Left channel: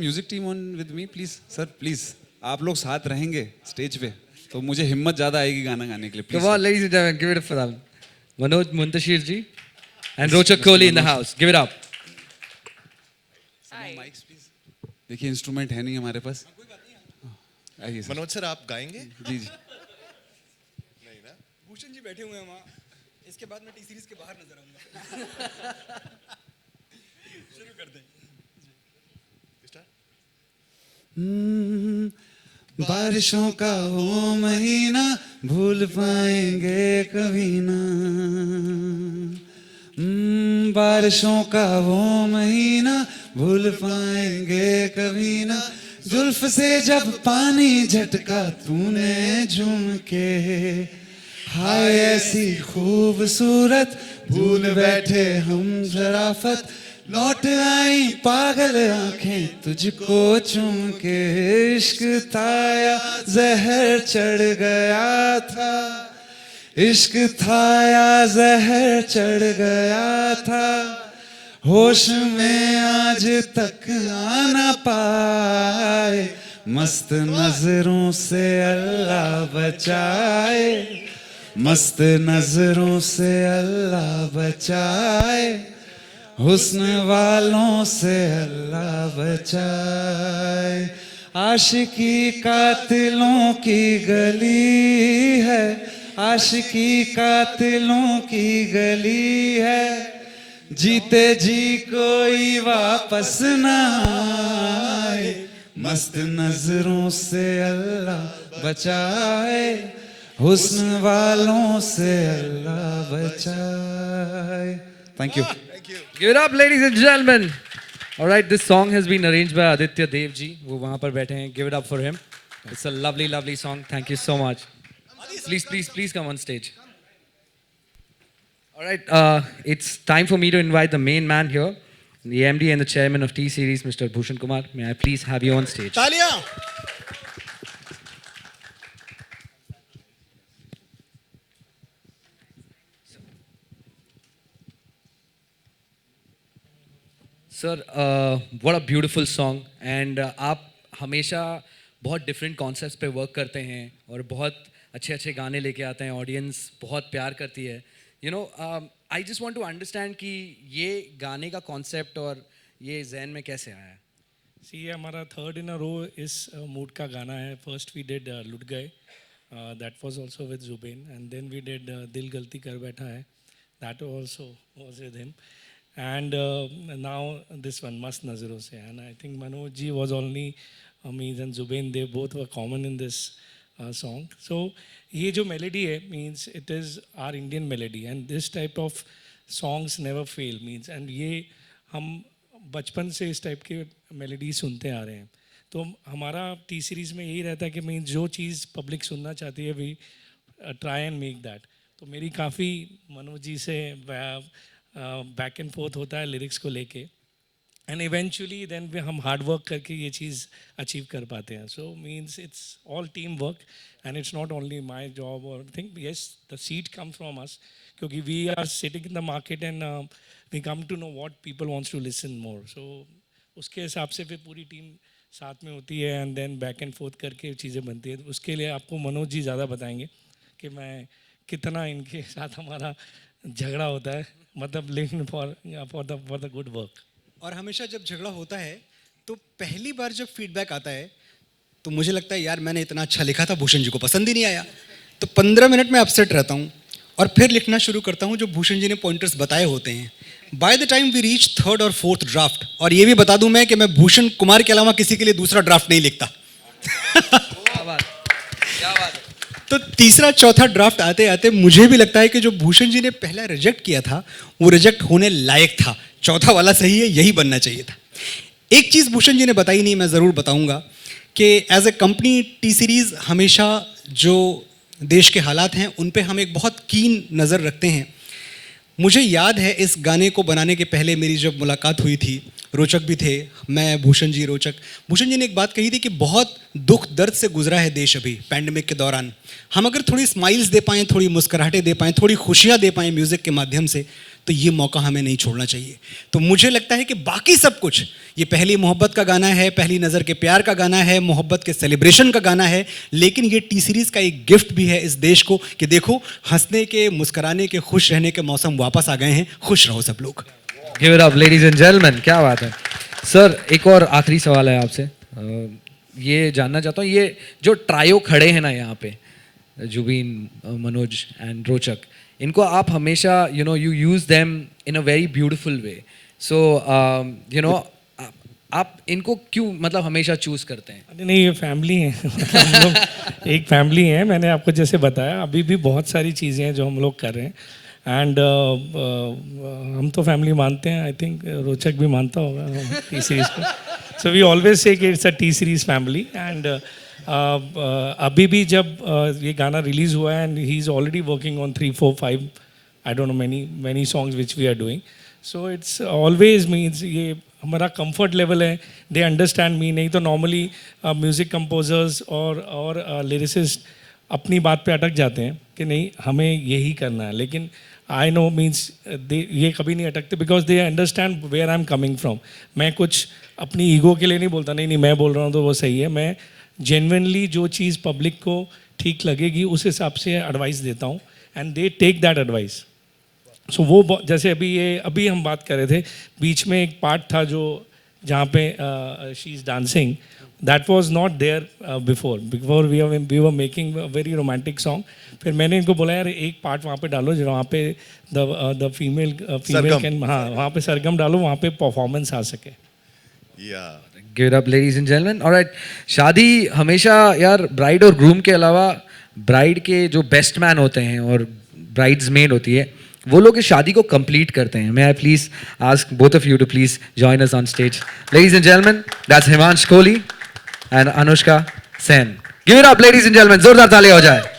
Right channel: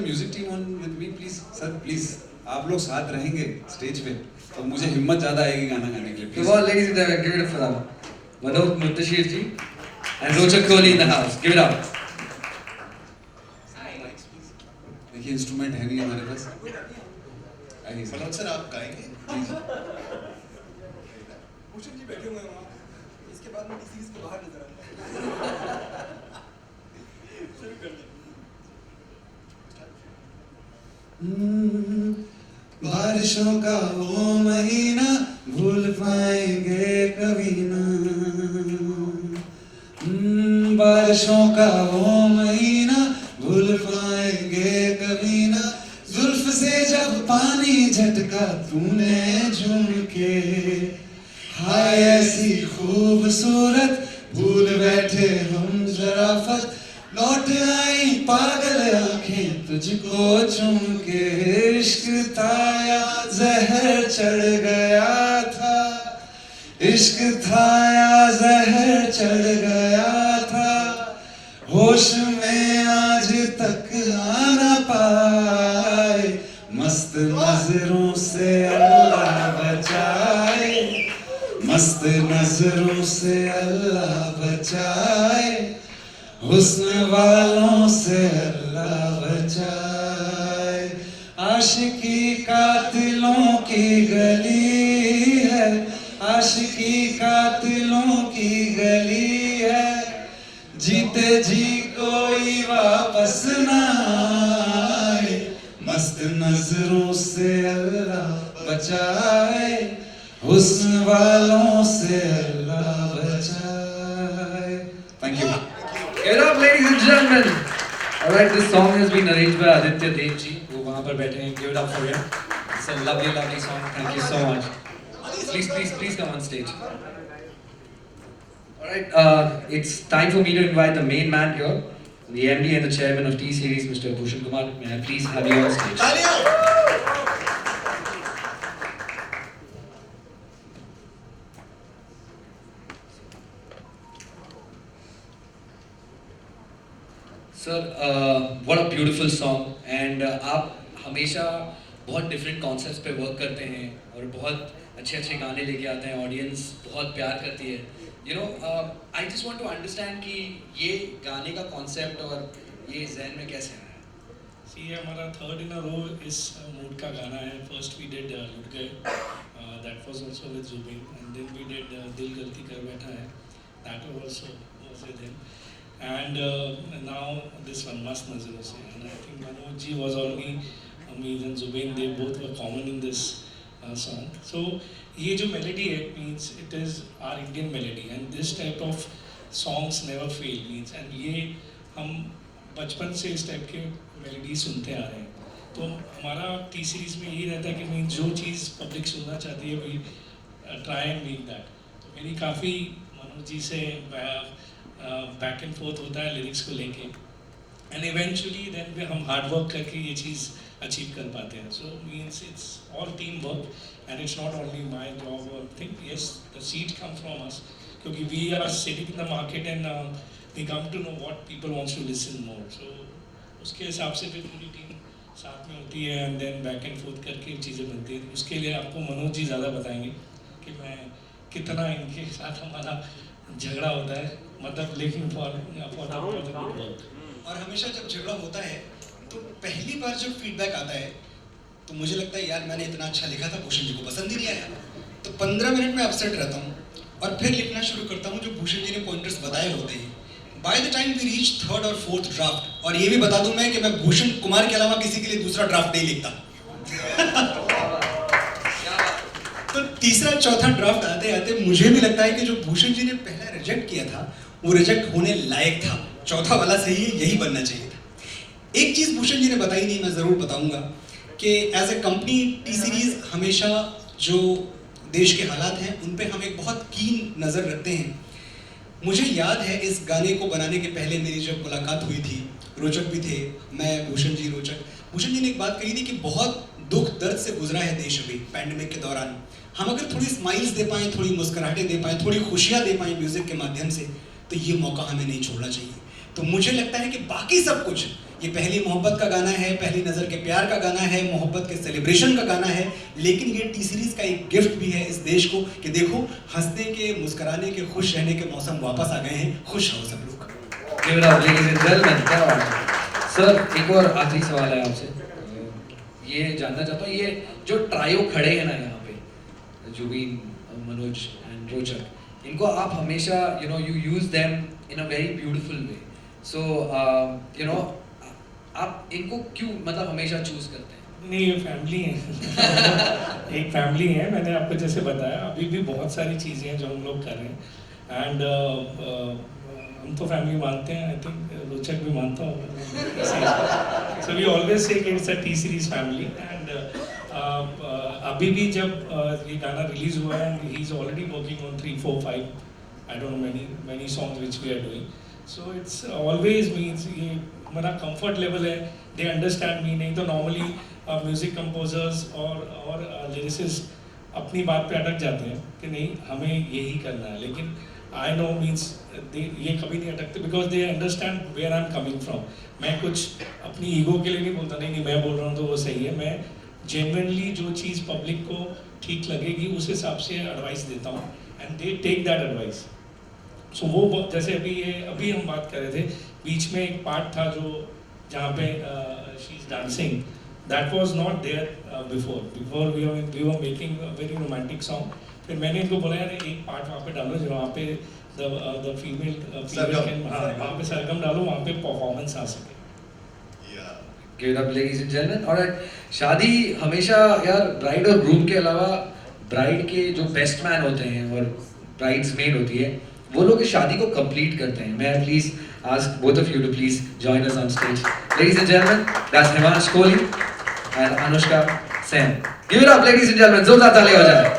Music team on with me please sir please. आप लोग साथ रहेंगे स्टेज पे तो मुझे हिम्मत ज्यादा आएगी गाना गाने के लिए Come please. on, ladies and gentlemen, give it up for them. Manoj Muntashir ji and Rochak Kohli in the house. Give it up. देखिए इंस्ट्रूमेंट है नहीं हमारे पास। आइए सर। मनोज सर आप गाएंगे? प्लीज। भूषण जी बैठे हुए हैं वहाँ, इसके बाद में डिसीज के बाहर नजर आते हैं। बारिशों का वो महीना भूल पाएंगे कभी ना। बारिशों का वो महीना भूल पाएंगे कभी ना। जुल्फ से जब पानी झटका तूने झूम के, हाय ऐसी खूबसूरत भूल बैठे हम शराफत। लौट आई पागल आंखें तुझको चूम के। इश्क था या जहर चढ़ गया था, इश्क था या जहर चढ़ गया था। होश में आज तक आना पाए, मस्त नजरों से अल्लाह बचाए, मस्त नजरों से अल्लाह बचाए। हुस्न वालों से अल्लाह बचाए। आशिकी कातिलों की गली है, आशिकी कातिलों की गली है। जीते जी कोई वापस ना आए, मस्त नजरों से अल्लाह बचाए। हुस्न वालों से अल्लाह बचाए। Thank you. Give it up, ladies and gentlemen. All right, this song has been arranged by Aditya Dev ji, who वहाँ पर बैठे हैं. Give it up for him. It's a lovely, lovely song. Thank you so much. Please come on stage. All right, it's time for me to invite the main man here, the MD and the chairman of T Series, Mr. Bhushan Kumar. May I please have you on stage? तालियां! Sir what a beautiful song and आप हमेशा बहुत different concepts पे work करते हैं और बहुत अच्छे अच्छे गाने लेके आते हैं, ऑडियंस बहुत प्यार करती है। You know I just want to understand कि ये गाने का कॉन्सेप्ट और ये जहन में कैसे आया है? सी हमारा थर्ड इन अ रो इस मूड का गाना है। फर्स्ट वी डिड लुट गए, that was also with Jubin, and then we did दिल गलती कर बैठा है, that also was with him, and now this one Mast Nazaron se, and I think Manoj ji was only me and Zubin, they both were common in this song. So ये जो melody है means it is our Indian melody, and this type of songs never fail means, and ये हम बचपन से इस type के melody सुनते आ रहे हैं। तो हमारा टी सीरीज़ में ये रहता है कि मैं जो चीज़ पब्लिक सुनना चाहती है we try and make that. तो मेरी काफ़ी मनोज जी से बैक एंड फोर्थ होता है लिरिक्स को लेके, एंड इवेंचुअली देन हम हार्ड वर्क करके ये चीज़ अचीव कर पाते हैं। So means it's all team work and it's not only my job और thing. Yes the seed come from us, क्योंकि we are sitting in the market and we come to know what people wants to listen more. So उसके हिसाब से फिर पूरी team साथ में होती है and then back and forth करके चीज़ें बनती हैं। उसके लिए आपको मनोज जी ज़्यादा बताएंगे कि मैं कितना इनके साथ हमारा झगड़ा होता है, मतलब लेकिन फॉर द गुड वर्क। और हमेशा जब झगड़ा होता है तो पहली बार जब फीडबैक आता है तो मुझे लगता है यार मैंने इतना अच्छा लिखा था, भूषण जी को पसंद ही नहीं आया। तो 15 मिनट में अपसेट रहता हूँ और फिर लिखना शुरू करता हूँ जो भूषण जी ने पॉइंटर्स बताए होते हैं। By the time we reach third और फोर्थ ड्राफ्ट, और ये भी बता दूं मैं कि मैं भूषण कुमार के अलावा किसी के लिए दूसरा ड्राफ्ट नहीं लिखता। तो तीसरा चौथा ड्राफ्ट आते आते मुझे भी लगता है कि जो भूषण जी ने पहला रिजेक्ट किया था वो रिजेक्ट होने लायक था, चौथा वाला सही है, यही बनना चाहिए था। एक चीज़ भूषण जी ने बताई नहीं, मैं ज़रूर बताऊंगा कि as a company T Series हमेशा जो देश के हालात हैं उन पे हम एक बहुत कीन नज़र रखते हैं। मुझे याद है इस गाने को बनाने के पहले मेरी जब मुलाकात हुई थी, रोचक भी थे, मैं, भूषण जी, रोचक। भूषण जी ने एक बात कही थी कि बहुत दुख दर्द से गुजरा है देश अभी पैंडमिक के दौरान। हम अगर थोड़ी स्माइल्स दे पाएँ, थोड़ी मुस्कुराहटें दे पाएँ, थोड़ी खुशियाँ दे पाएँ म्यूज़िक के माध्यम से, तो ये मौका हमें नहीं छोड़ना चाहिए। तो मुझे लगता है कि बाकी सब कुछ, ये पहली मोहब्बत का गाना है, पहली नज़र के प्यार का गाना है, मोहब्बत के सेलिब्रेशन का गाना है, लेकिन ये टी सीरीज़ का एक गिफ्ट भी है इस देश को कि देखो हंसने के, मुस्कुराने के, खुश रहने के मौसम वापस आ गए हैं। खुश रहो सब लोग। Give it up ladies and gentleman, क्या बात है। सर एक और आखिरी सवाल है आपसे, ये जानना चाहता हूँ, ये जो ट्रायो खड़े हैं ना यहाँ पे, जुबीन, मनोज एंड रोचक, इनको आप हमेशा you use them in a very beautiful way, so आप इनको क्यों मतलब हमेशा चूज़ करते हैं? नहीं, ये फैमिली है। हम लोग एक फैमिली है। मैंने आपको जैसे बताया, अभी भी बहुत सारी चीज़ें हैं जो हम लोग कर रहे हैं एंड हम तो फैमिली मानते हैं। आई थिंक रोचक भी मानता होगा टी सीरीज़ को। सो वी ऑलवेज से कि it's a T Series family and अभी भी जब ये गाना रिलीज़ हुआ है and he is already working on 3, 4, 5 I don't know many songs which we are doing. So it's always means ये हमारा कंफर्ट लेवल है। They understand me. नहीं तो नॉर्मली म्यूज़िक कंपोजर्स और लिरिसिस्ट अपनी बात पे अटक जाते हैं कि नहीं हमें यही करना है, लेकिन आई नो मीन्स ये कभी नहीं अटकते because they understand where I am coming from. मैं कुछ अपनी ईगो के लिए नहीं बोलता, नहीं मैं बोल रहा हूँ तो वो सही है। मैं जेन्युइनली जो चीज़ पब्लिक को ठीक लगेगी उस हिसाब से एडवाइस देता हूँ and they take that advice. So वो जैसे अभी हम बात कर रहे थे, बीच में एक पार्ट था जो जहाँ पे she is dancing, that was not there before we were making very romantic song. फिर मैंने इनको बोला यार एक पार्ट वहाँ पे डालो जहाँ पे द फीमेल कैन, हाँ वहाँ पे सरगम डालो, वहाँ पे परफॉर्मेंस आ सके। Give it up ladies and gentleman. Alright, शादी हमेशा यार ब्राइड और ग्रूम के अलावा ब्राइड के जो बेस्ट मैन होते हैं और ब्राइड्स मेड होती है, वो लोग इस शादी को कंप्लीट करते हैं। May I please ask both of you to please join us on stage. Ladies and gentleman, that's Himansh Kohli and Anushka Sen. Give it up ladies and gentleman, जोरदार ताली हो जाए।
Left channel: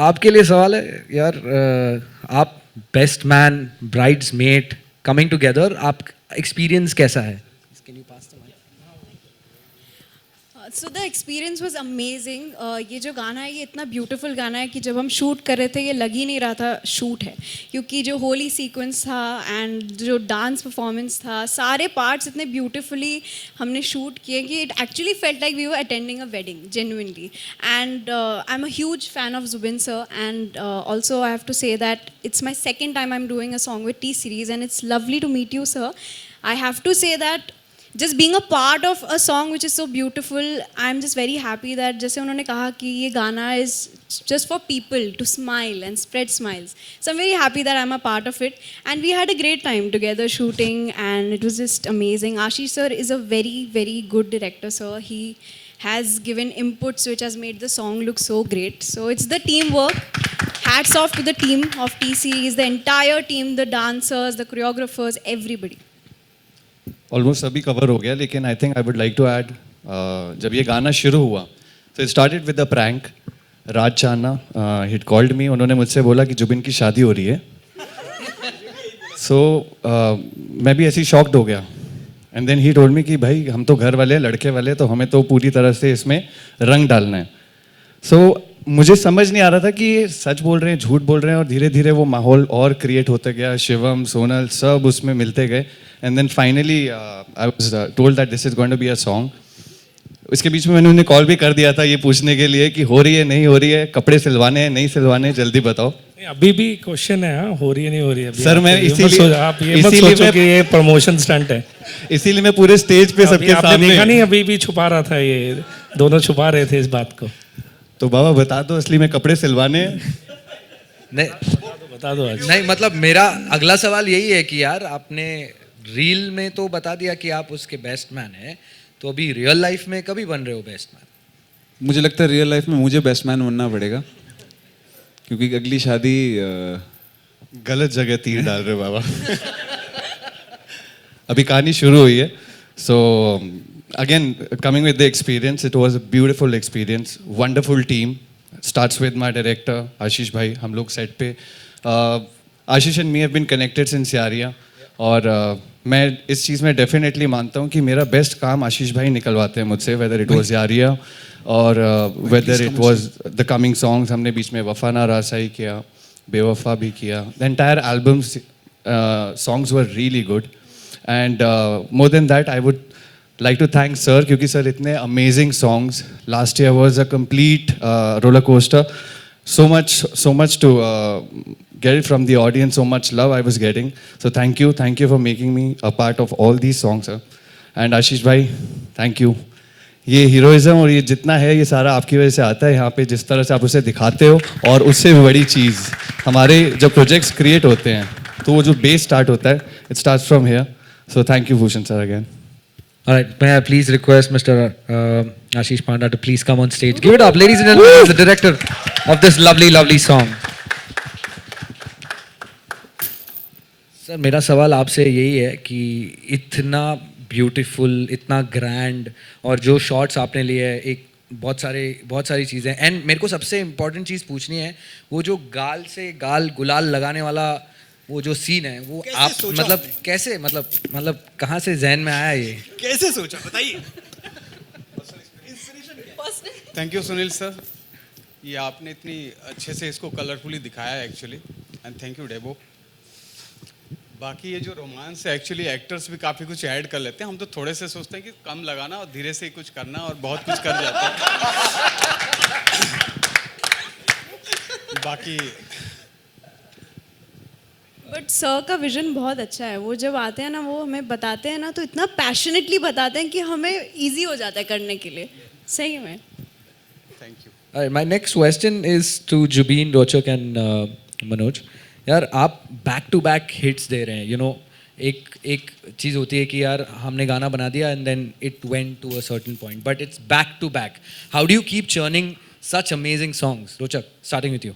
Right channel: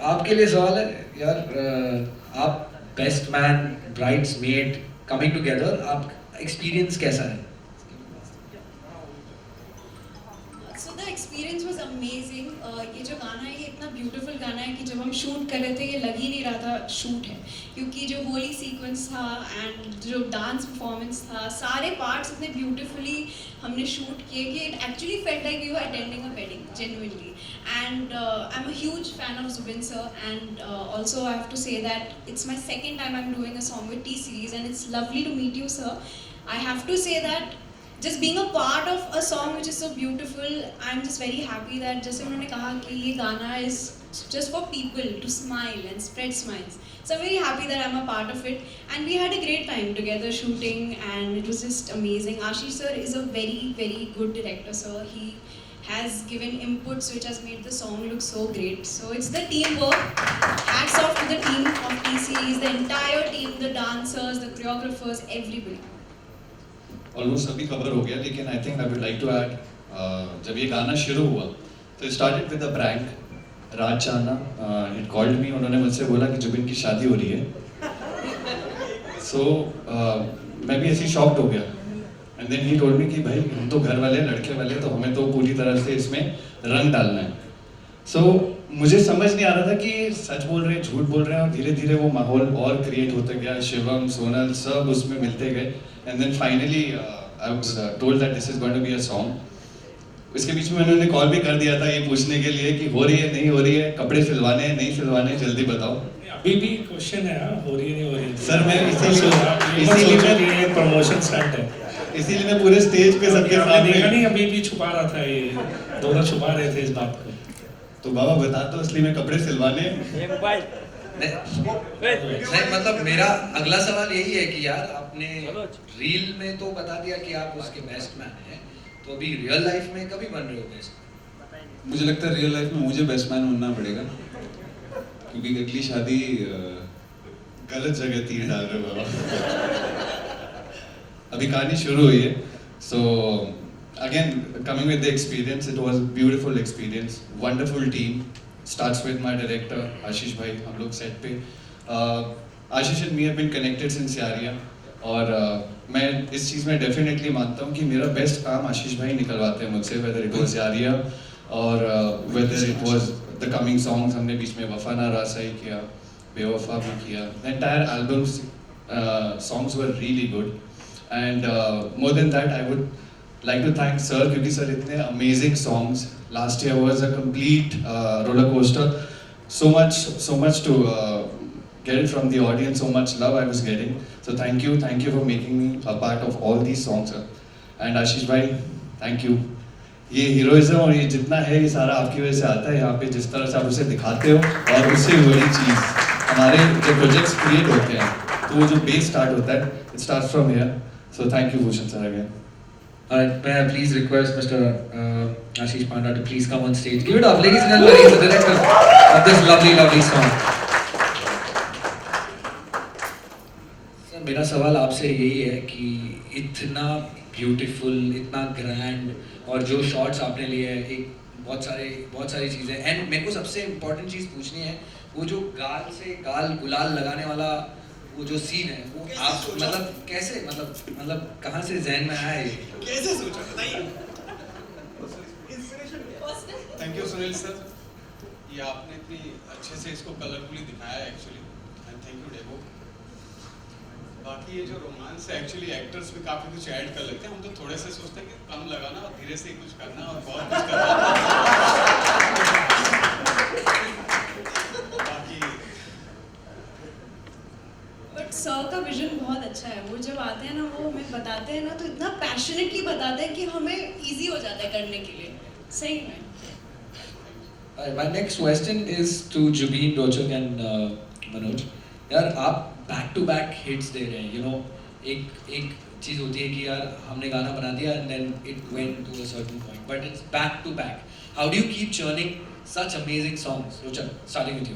आपके लिए सवाल है यार, आप best man, brides made coming together, आप एक्सपीरियंस कैसा है? So the experience was amazing. ये जो गाना है ये इतना ब्यूटीफुल गाना है कि जब हम शूट कर रहे थे ये लग ही नहीं रहा था शूट है, क्योंकि जो होली सीक्वेंस था एंड जो डांस परफॉर्मेंस था, सारे पार्ट्स इतने ब्यूटीफुली हमने शूट किए कि it actually felt like we were attending a wedding genuinely. And I am a huge fan of Jubin sir and also I have to say that it's my second time I am doing a song with T Series and it's lovely to meet you sir. I have to say that just being a part of a song which is so beautiful, I'm just very happy that जैसे उन्होंने कहा कि ये गाना is just for people to smile and spread smiles. So I'm very happy that I'm a part of it and we had a great time together shooting and it was just amazing. Ashish sir is a very, very good director, sir. He has given inputs which has made the song look so great. So it's the teamwork. Hats off to the team of TC, is the entire team, the dancers, the choreographers, everybody. Almost सभी cover हो गया, लेकिन I think I would like to add, जब ये गाना शुरू हुआ तो started with the prank. Raj चाना हिट कॉल्ड मी, उन्होंने मुझसे बोला कि जुबिन की शादी हो रही है। सो मैं भी ऐसी शॉक्ड हो गया and then he told me कि भाई हम तो घर वाले लड़के वाले, तो हमें तो पूरी तरह से इसमें रंग डालना है। सो मुझे समझ नहीं आ रहा था कि ये सच बोल रहे हैं झूठ बोल रहे हैं, और धीरे धीरे वो माहौल और क्रिएट होता गया। शिवम, सोनल सब उसमें मिलते गए and then finally I was told that this is going to be a song. इसके बीच में मैंने उन्हें कॉल भी कर दिया था ये पूछने के लिए कि हो रही है नहीं हो रही है, कपड़े सिलवाने हैं नहीं सिलवाने, जल्दी बताओ। अभी भी क्वेश्चन है, हाँ हो रही है नहीं हो रही है सर मैं इसीलिए कि ये प्रमोशन स्टंट है, इसीलिए मैं पूरे स्टेज पे सबके सामने देखा नहीं, अभी भी छुपा रहा था, ये दोनों छुपा रहे थे इस बात को। तो बाबा बता दो असली में कपड़े सिलवाने नहीं मतलब मेरा अगला सवाल यही है कि यार आपने रील में तो बता दिया कि आप उसके बेस्ट मैन हैं, तो अभी रियल लाइफ में कभी बन रहे हो बेस्ट मैन? मुझे लगता है रियल लाइफ में मुझे बेस्ट मैन बनना पड़ेगा, क्योंकि अगली शादी गलत जगह तीर डाल रहे हो बाबा। अभी कहानी शुरू हुई है। So again coming with the experience, it was a beautiful experience, wonderful team. Starts with my director Ashish भाई। हम लोग सेट पे Ashish and me have been connected since Yaariyan, और मैं इस चीज़ में डेफिनेटली मानता हूँ कि मेरा बेस्ट काम आशीष भाई निकलवाते हैं मुझसे, वेदर इट वाज यारिया, और whether it was the coming songs, हमने बीच में वफा ना रासाई किया, बेवफा भी किया. The entire album songs were really good. And more than that I would like to thank sir क्योंकि sir इतने amazing songs. Last year was a complete roller coaster. So much to get it from the audience, so much love I was getting. So thank you for making me a part of all these songs, sir. And Ashish bhai, thank you. ये heroism और ये जितना है ये सारा आपकी वजह से आता है यहाँ पे, जिस तरह से आप उसे दिखाते हो. और उससे भी बड़ी चीज़, हमारे जब प्रोजेक्ट्स क्रिएट होते हैं तो वो जो बेस स्टार्ट होता है, it starts from here. So thank you Bhushan sir again. All right, may I please request Mr. Ashish Panda to please come on stage. Give it up, ladies and gentlemen, as the director of this lovely song. Sir, मेरा सवाल आपसे यही है कि इतना beautiful, इतना grand, और जो शॉट्स आपने लिए हैं, एक बहुत सारी चीज़ें, एंड मेरे को सबसे इम्पोर्टेंट चीज़ पूछनी है, वो जो गाल से गाल गुलाल लगाने वाला वो जो सीन है, वो आप मतलब कैसे, मतलब कहाँ से जहन में आया ये? कैसे सोचा बताइए. थैंक यू सुनील सर, ये आपने इतनी अच्छे से इसको कलरफुली दिखाया है actually. And thank you Debo. बाकी ये जो रोमांस है एक्चुअली एक्टर्स भी काफ़ी कुछ ऐड कर लेते हैं. हम तो थोड़े से सोचते हैं कि कम लगाना और धीरे से कुछ करना, और बहुत कुछ कर जाते हैं. बाकी बट सर का विजन बहुत अच्छा है. वो जब आते हैं ना, वो हमें बताते हैं ना, तो इतना पैशनेटली बताते हैं कि हमें इजी हो जाता है करने के लिए. सही में. My next question is to Jubin, Rochak and Manoj. यार आप बैक टू बैक हिट्स दे रहे हैं. यू नो, एक चीज़ होती है कि यार हमने गाना बना दिया and then it went to a certain point, but it's back to back. How do you keep churning such amazing songs? Rochak, starting with you.